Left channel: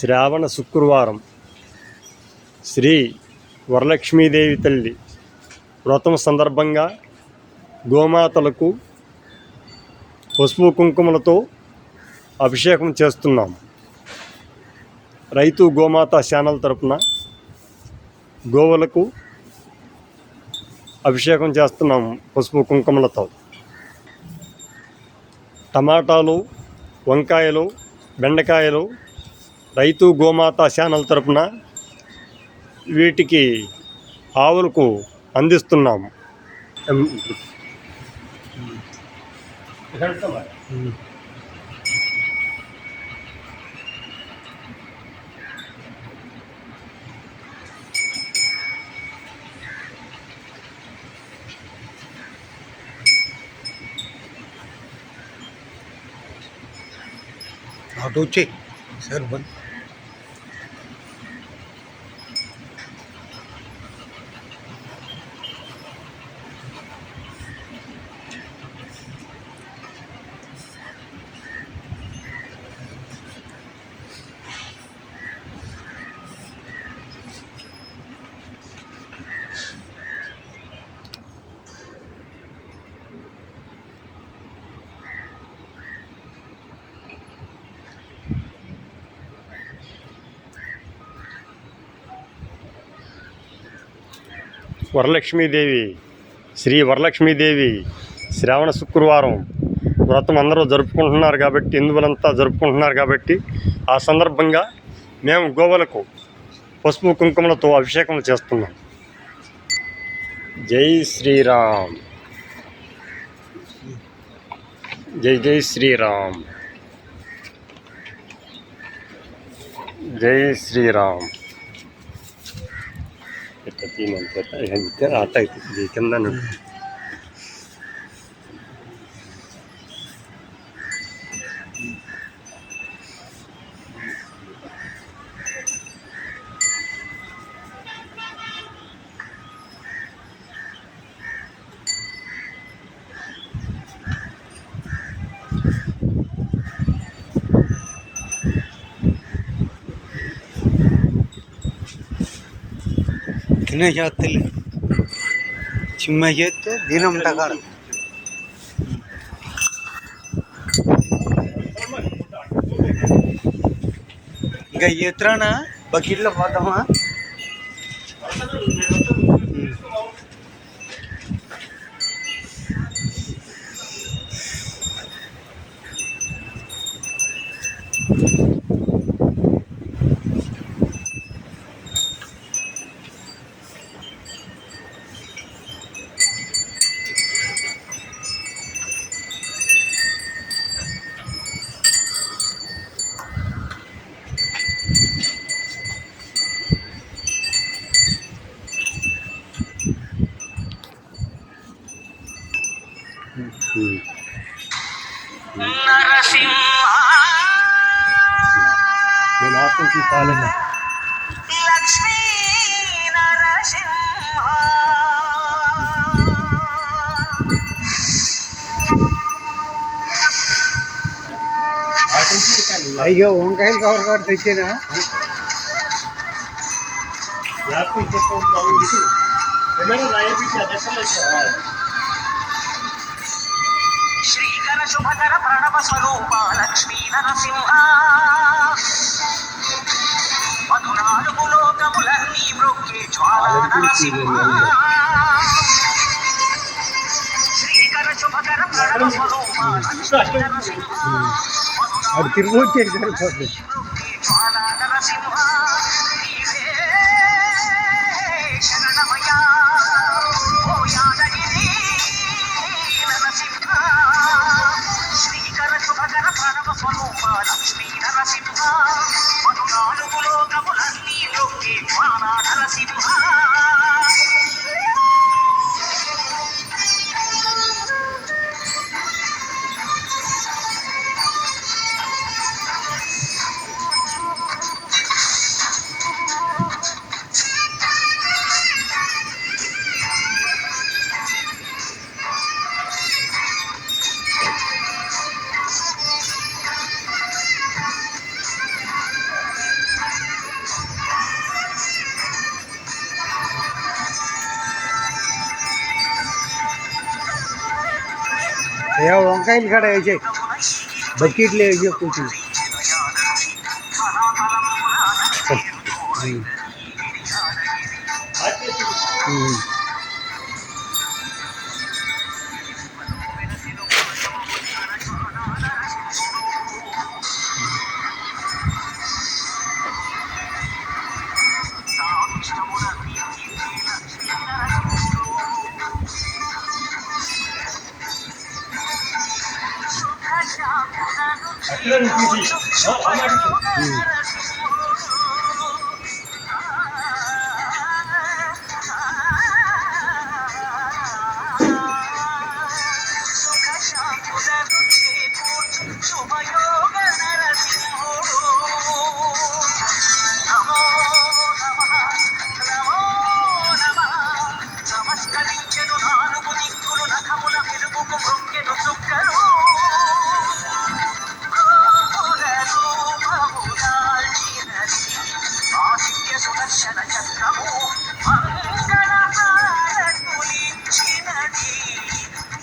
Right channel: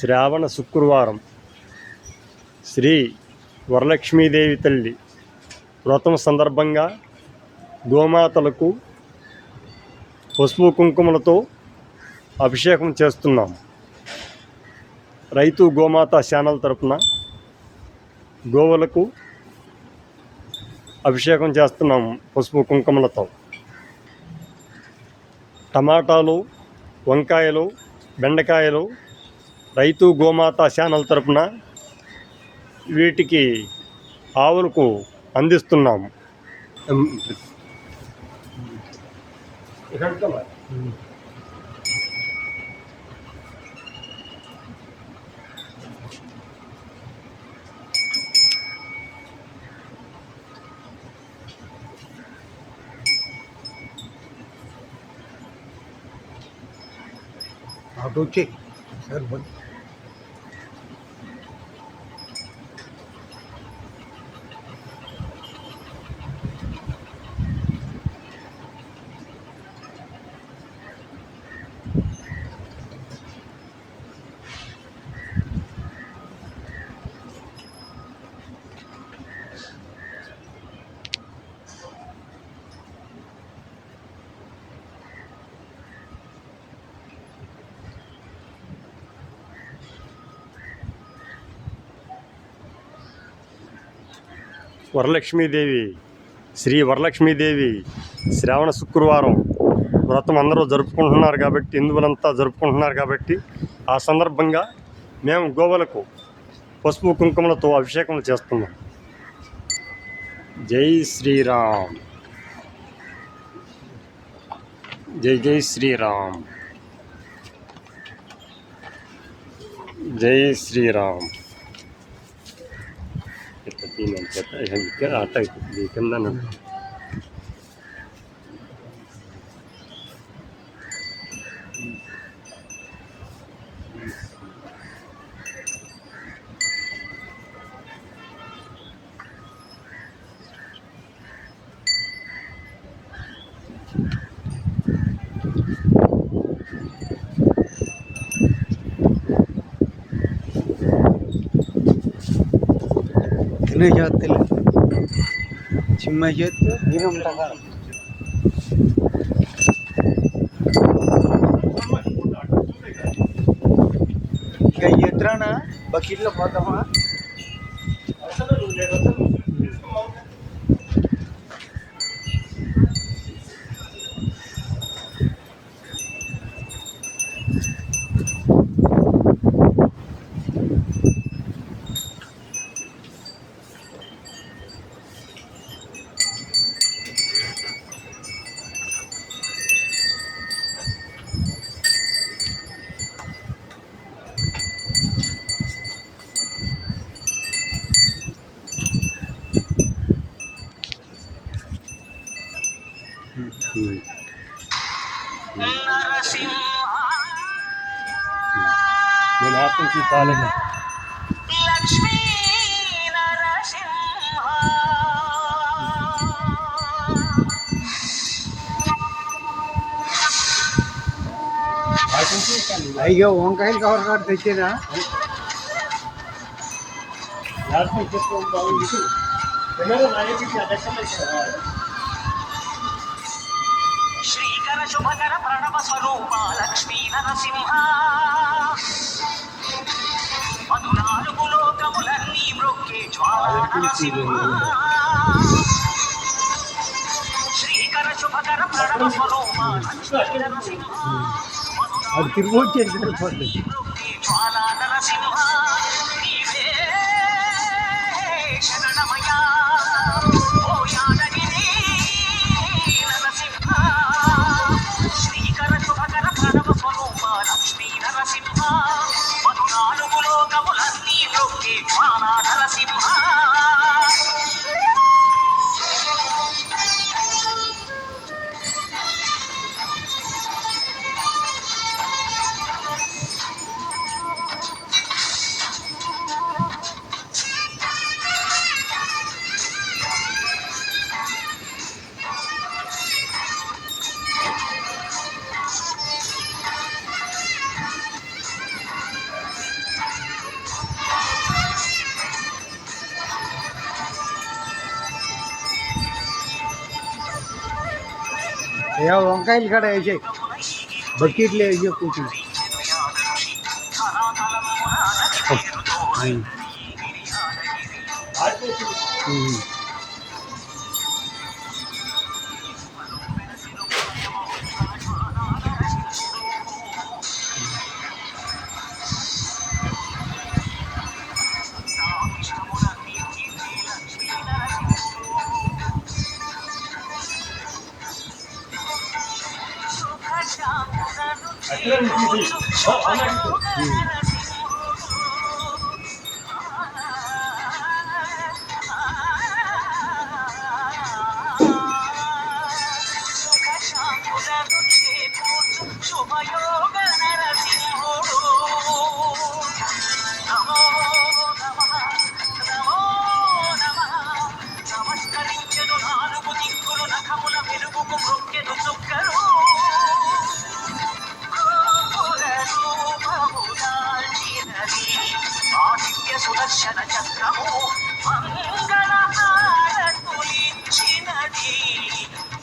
శ్రావణ శుక్రవారం శ్రీ వరలక్ష్మీదేవి తల్లి వ్రతం సందర్భంగా గోమాతలకు పసుపు కుంకుమలతో అభిషేకం చేస్తున్నాం. రైతు గోమాత ఛానల్ తరపున గోవులకు అభిషేకం చేస్తున్నాం పసుపు కుంకుమలతో. టమాటాలు, వంకాయలు, బెండకాయలు రైతు గోమాత ఛానల్ తరపున వీటికి ఆవులకు అందిస్తున్నాము. तो चेक सर बंद వరలక్ష్మీదేవి శ్రీ వరలక్ష్మీదేవి శ్రావణ శుక్రవారం వ్రతం అందరూ జరుపుకుంటున్నారు కాబట్టి, హిందువులంతా జరుపుకుంటున్నారు కాబట్టి ఆ సందర్భంగా మేము గోవులకు పసుపు కుంకుమలతో అభిషేకం చేస్తున్నాం. జై శ్రీరామ్, జై జై శ్రీరామ్, జై శ్రీరామ్. ఇట్లా తీనంత అట్ట అవుతుంది కింద. जाते चिम्मा చేస్తే దీనం టకాడ ఇక ఎత్రాన బకెట్లో పోతామా. నేను ఆత్మకి పాలన లక్ష్మీ నరసింహ అయ్యో వంకాయలు కవర్ కాడ తెచ్చేనా శ్రీకర శుభకర ప్రణవ స్వరూప లక్ష్మీ నరసింహ మధునాలుగు లోకములన్నీ మ్రొక్కే జ్వాలా నరసింహ. శ్రీకర శుభకర ప్రణవ స్వరూప లక్ష్మీ నరసింహ అది తిరిగి వచ్చేది సరిపోతుంది. జ్వాలా నరసింహ నీవే శరణమయ్యా ఓ యాదగిరి నరసింహ. శ్రీకర శుభకర ప్రణవ స్వరూప లక్ష్మీ నరసింహ మధునాలుగు లోకములన్నీ మ్రొక్కే జ్వాలా నరసింహ. అయ్యా వంకాయలు కాడ వేసాయి బకెట్లు వేసి కూర్చుని శుభయోగ నరసింహుడు నమో నమః నమో నమః నమస్కరించెను నాలుగు దిక్కులు నఖముల వెలుగుకు మృక్కెను చుక్కలు ఆదిత్య సుదర్శన చక్రము మంగళహారతులిచ్చినది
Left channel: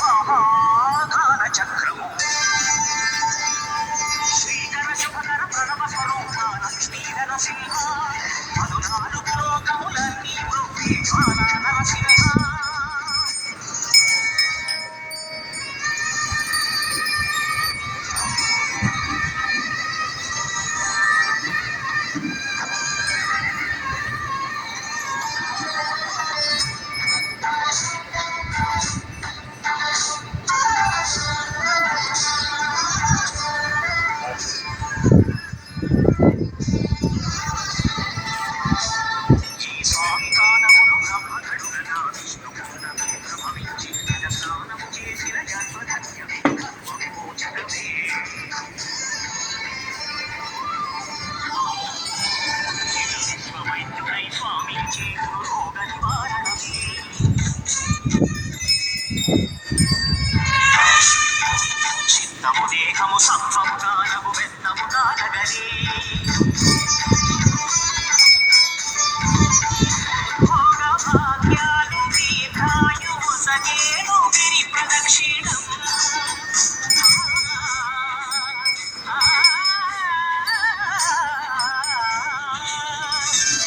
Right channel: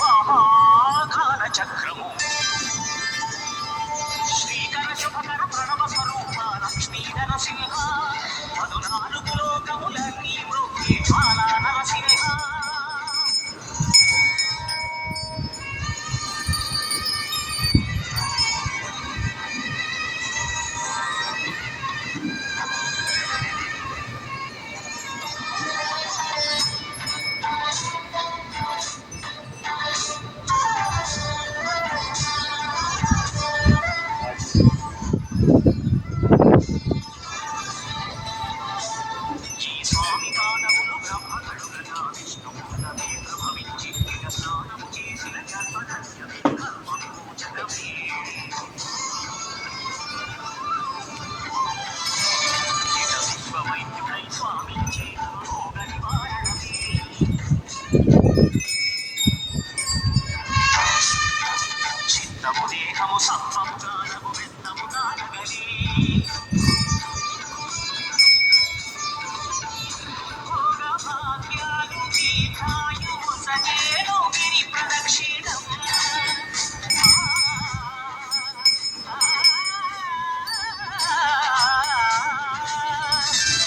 మహాఘన చక్రము శ్రీకర శుభకర ప్రణవ స్వరూప లక్ష్మీ నరసింహ మధునాలుగు లోకములన్నీ వృద్ధి జ్వాలా నరసింహ చిత్తము దేహము సత్వము దానము వెన్నము దానగలి భోగ భాగ్యాలు దీర్ఘాయువు సగేను గిరి ప్రదక్షిణం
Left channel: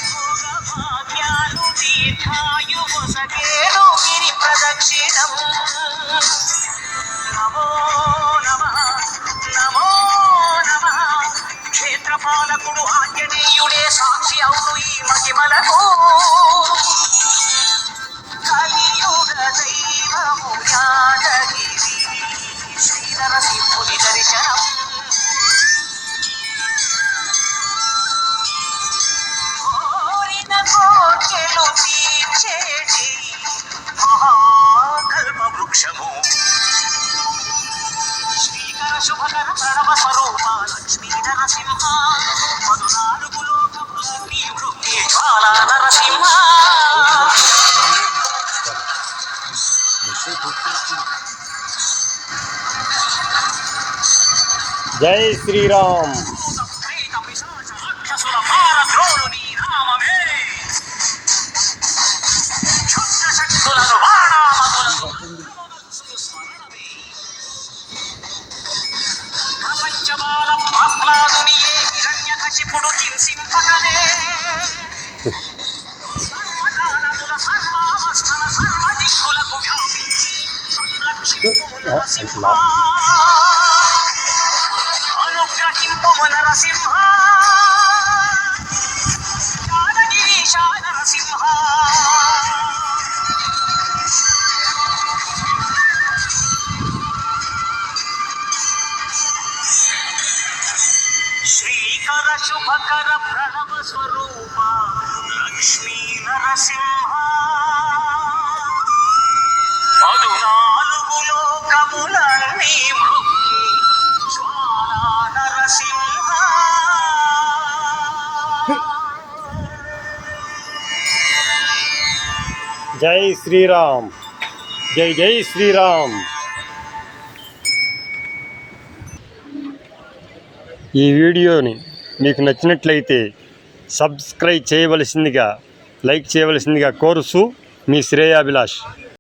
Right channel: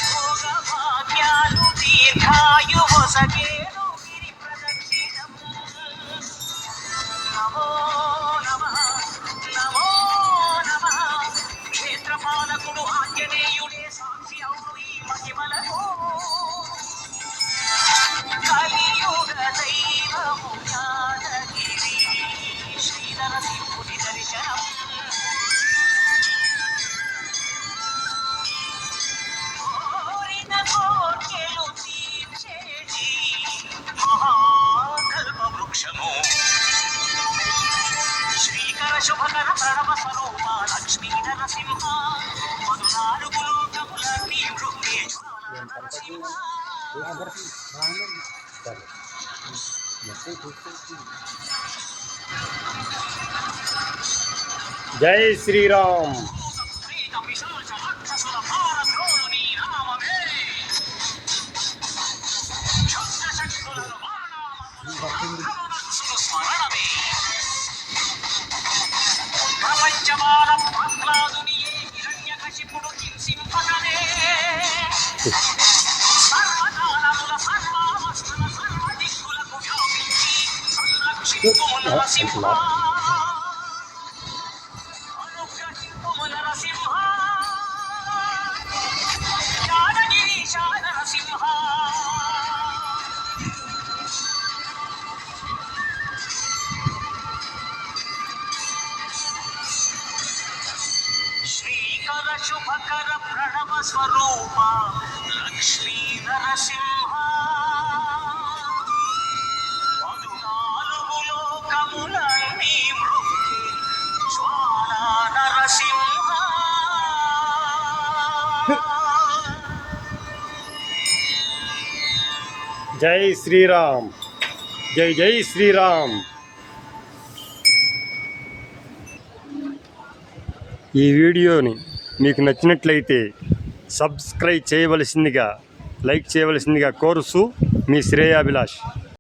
భోగ భాగ్యాలు దీర్ఘాయువు సగేను గిరి ప్రదక్షిణం నమో నమః నమో నమః క్షేత్రపాలకుడు ఆంజనేయుడే సాక్షి అవును ఈ మహిమలకు కలియుగ దైవము యాదగిరి శ్రీ నరసింహుని దర్శనం కోరిన కోర్కెలు తీర్చేటి మహాకల్ప వృక్షము శ్రీకర శుభకర ప్రణవ స్వరూప లక్ష్మీ నరసింహ మధునాలుగు లోకములన్నీ వృద్ధి జ్వాలా నరసింహ జై శ్రీరామ్. ప్రేత పిశాచ రాక్షసుల భారద్రోలు నీ నామమే క్షుద్ర శక్తులను బాణామతులను స్మరణమే ప్రపంచమాల ప్రహ్లాదునియే హిరణ్యకశిపుడు హింసింపనవే సర్వకాలముల సర్వావస్థల సర్వదిక్కులకు వ్యాపించి సంరక్షింపుము నరసింహ అనుగ్రహింపుము నరసింహ యాదగిరీశ నరసింహ శ్రీకర శుభకర ప్రణవ స్వరూప లక్ష్మీ నరసింహ పదునాలుగు లోకములన్నీ మృక్కి జ్వాలా నరసింహ జై శ్రీరామ్. జై జై శ్రీరామ్. ఈ వీడియోని మీకు నచ్చినట్లయితే సబ్స్క్రైబ్ చేయవలసిందిగా, లైక్ చేయవలసిందిగా కోరుతూ మీ శ్రేయాభిలాష్.